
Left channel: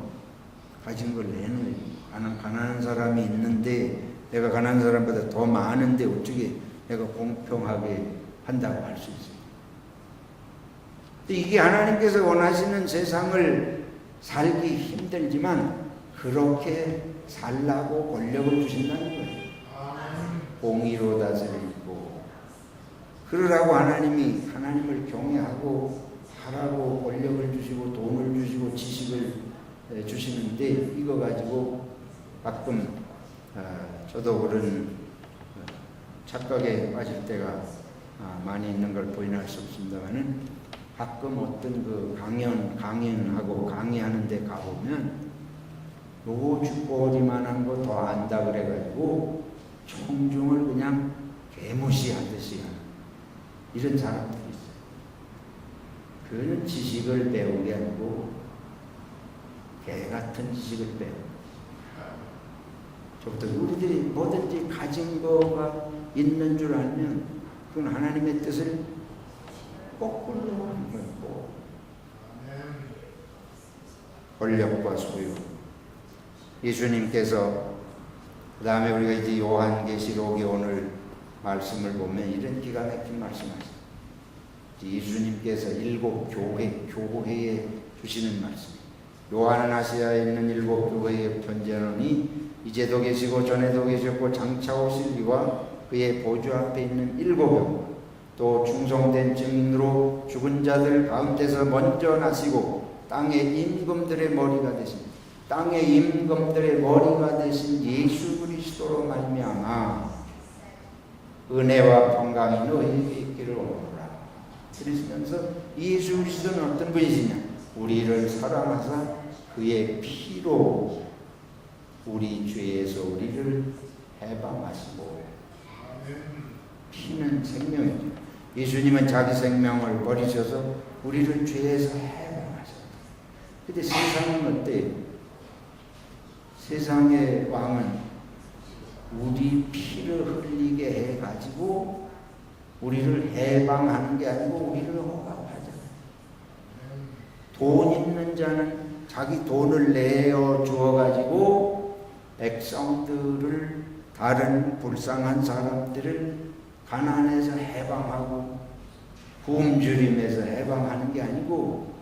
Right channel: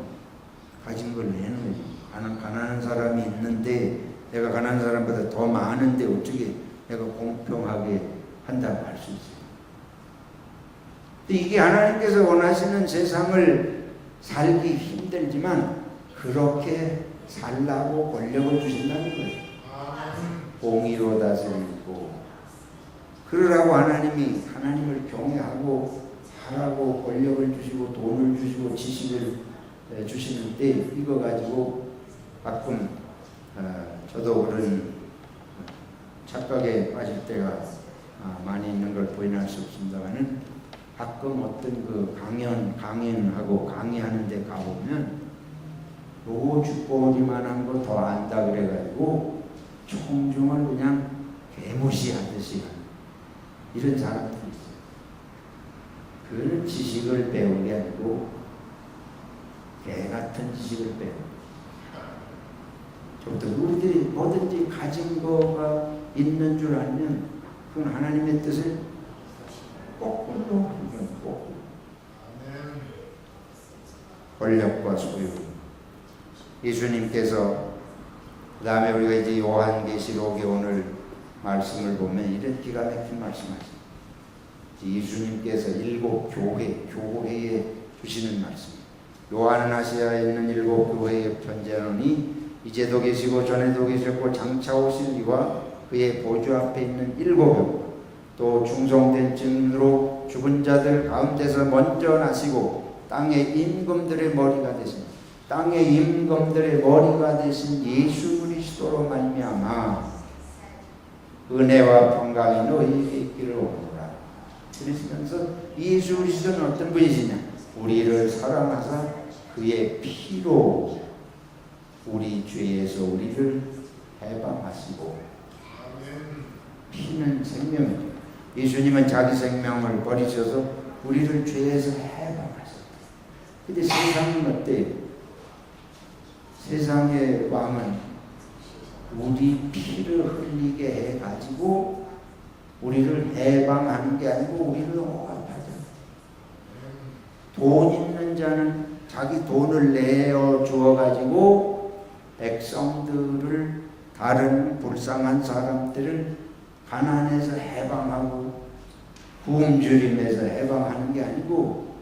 가진 걸 내놔야 돼요. 가난한 사람이 있는데 내가 가난한 사람보다 더 많은데 어떻게 내가 공평하게 한다고 할 수 있어요? 이게 하나님께서 원하시는 세상을 살기 힘들지만 그렇게 살라고 권력을 주신다는 거예요. 공의로 다스리고 그러라고 하나님을 경외하고 하라고 권력을 주시고 돈을 주시고 지식을 주시는데, 이거 가지고 가끔 저도 그런 착각에 빠질 때가 많이 있는 걸 부인할 수 없습니다만은 가끔 어떤 그 강연하고 강의하는 데 가보면 요거 쥐꼬리만한 거 더 안다 그래가지고 청중을 그냥 개무시하듯이 하는 이런 사람들이 있어요. 그거는 지식을 배운 게 아니고 개 같은 지식을 배운 저부터 우리들이 뭐든지 가진 거가 있는 줄 알면 그건 하나님의 뜻을 거꾸로 하는 거고 권력과 소유 예수님께서 그 다음에 우리가 이제 요한계시록의 오늘 말씀을 보면 이런 기가 막힌 말씀하십니다. 예수님께서 7 교회에 주시는 말씀. 요한은 아시아에 있는 7 교회에 편지하노니 이제도 계시고 전에도 계셨고 장차 오실 이와 그의 보좌 앞에 있는 7명 또 충성된 증인으로 죽은 자들 가운데서 먼저 나시고 땅의 임금들의 머리가 되신 예수 그리스도로 말미암아 은혜와 평강이 너희에게 있기를 원하노라. 그러시면서 예수 그리스도는 어떤 분이시냐? 우리를 사랑하사 그의 피로 우리 죄에서 우리를 해방하시고 피는 생명이죠. 예수님은 자기 생명을 버리셔서 우리를 죄에서 해방하셨다. 근데 세상은 어때요? 세상의 왕은 우리 피를 흘리게 해가지고 우리를 해방하는 게 아니고 우리를 억압하잖아요. 돈 있는 자는 자기 돈을 내어 주어가지고 백성들을 다른 불쌍한 사람들을 가난에서 해방하고 굶주림에서 해방하는 게 아니고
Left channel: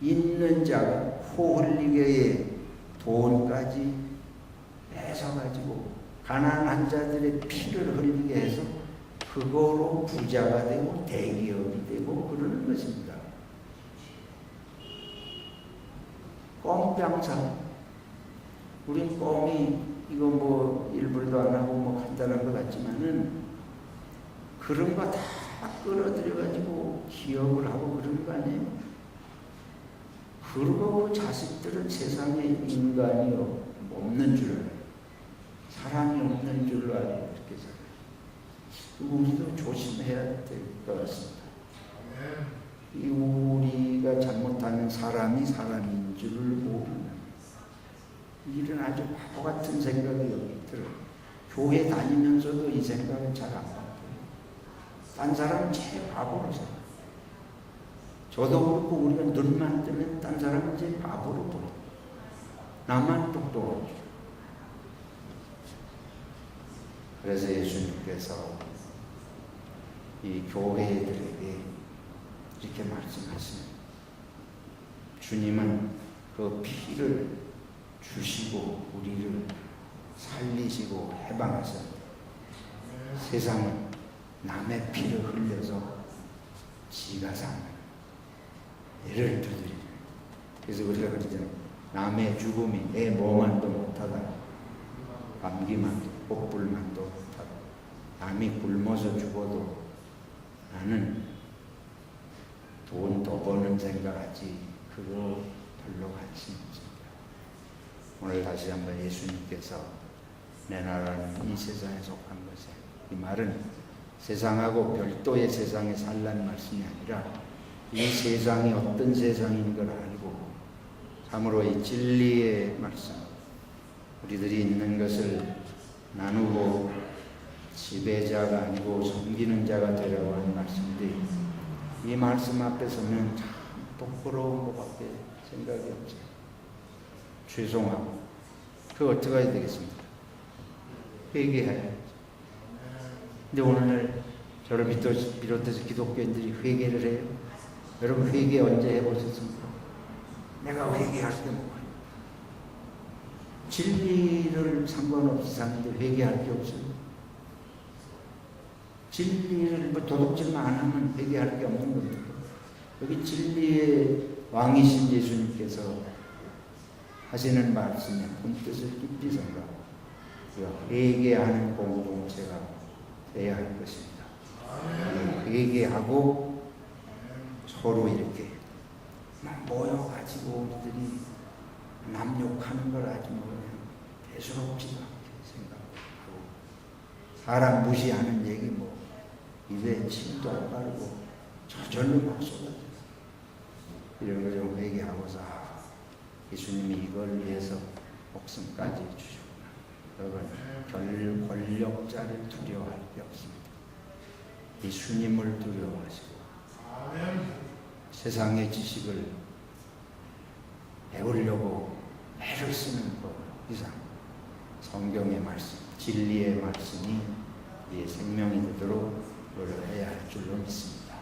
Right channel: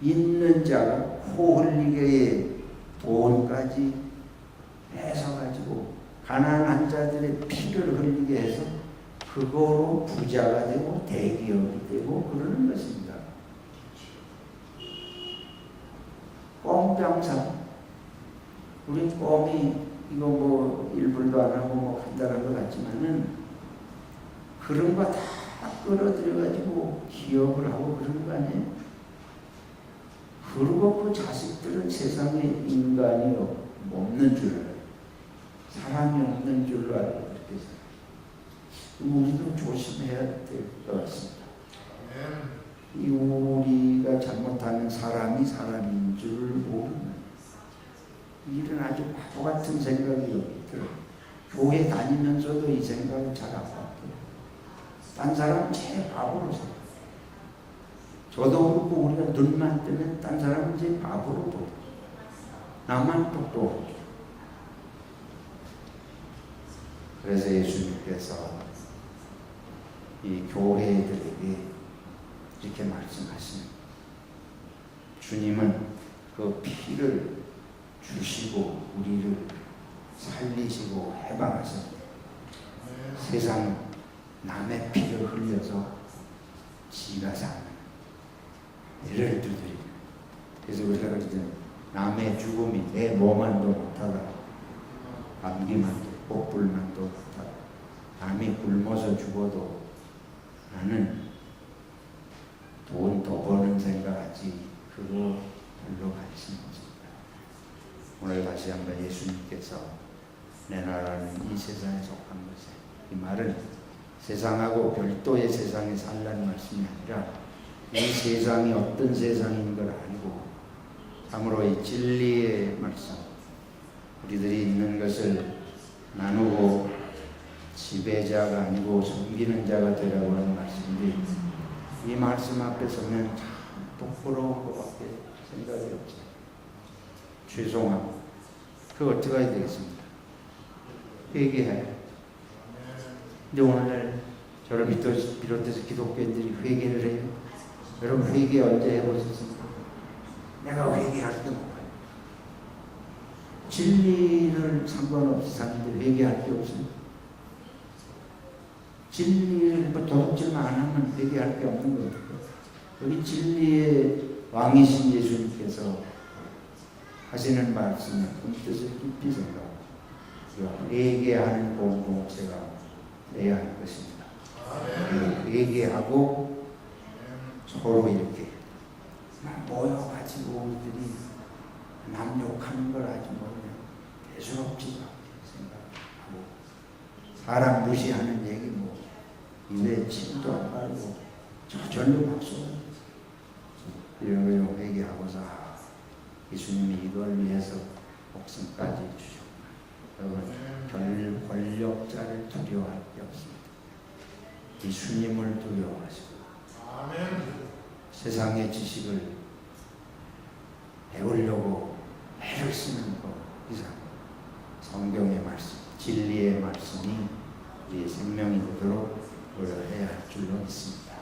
있는 자가 코 흘리게 돈까지 뺏어가지고 가난한 자들의 피를 흘리게 해서 그거로 부자가 되고 대기업이 되고 그러는 것입니다. 껌장사. 우린 껌이 이거 뭐 일불도 안 하고 뭐 간단한 것 같지만은 그런 거 다 끌어들여가지고 기업을 하고 그러는 거 아니에요? 그리고 그 자식들은 세상에 인간이 없는 줄 알아요. 사람이 없는 줄로 알아요. 그렇게 생각해요. 우리도 조심해야 될 것 같습니다. 이 우리가 잘못하면 사람이 사람인 줄 모르는 이런 아주 바보 같은 생각이 여기 들어요. 교회 다니면서도 이 생각은 잘 안 바뀌어요. 딴 사람 제 바보로 생각해요. 저도 그렇고 우리가 눈만 뜨면 딴 사람은 제 바보로 보여요. 나만 똑똑하죠. 그래서 예수님께서 이 교회들에게 이렇게 말씀하시는 주님은 그 피를 주시고 우리를 살리시고 해방하셨습니다. 세상은 남의 피를 흘려서 지가 사는 애를 두드리는. 그래서 우리가 그러잖아요. 남의 죽음이 내 몸만도 못하다. 감기만도 복불만도 못하다. 남이 굶어서 죽어도 나는 돈 더 버는 생각하지 그거 별로 관심 없습니다. 오늘 다시 한번 예수님께서 내 나라는 이 세상에 속한 것에 이 말은 세상하고 별도의 세상에 살라는 말씀이 아니라 이 세상이 어떤 세상인 걸 알고 참으로 이 진리의 말씀 우리들이 있는 것을 나누고 지배자가 아니고 섬기는 자가 되라고 하는 말씀인데 이 말씀 앞에 서면 참 부끄러운 것밖에 생각이 없어요. 죄송하고 그거 어떻게 해야 되겠습니까? 회개해야. 근데 오늘날 저를 비롯해서 기독교인들이 회개를 해요. 여러분 회개 언제 해보셨습니까? 내가 회개할 게 뭐예요? 진리를 상관없이 사는데 회개할 게 없어요. 진리를 뭐 도둑질만 안 하면 회개할 게 없는 겁니다. 여기 진리의 왕이신 예수님께서 하시는 말씀에 본 뜻을 깊이 생각하고 회개하는 공동체가 내야 할 것입니다. 회개하고 서로 이렇게 모여가지고 우리들이 남 욕하는 걸 아주 뭐 그냥 대수롭지도 않게 생각하고 사람 무시하는 얘기 뭐 입에 침도 안 바르고 저절로 막 쏟아져 이런 걸 좀 회개하고서 예수님이 이걸 위해서 목숨까지 주셨구나. 여러분 권력자를 두려워할 게 없습니다. 예수님을 두려워하시고 세상의 지식을 배우려고 애를 쓰는 것 이상 성경의 말씀, 진리의 말씀이 우리의 생명이 되도록 노력해야 할 줄로 믿습니다.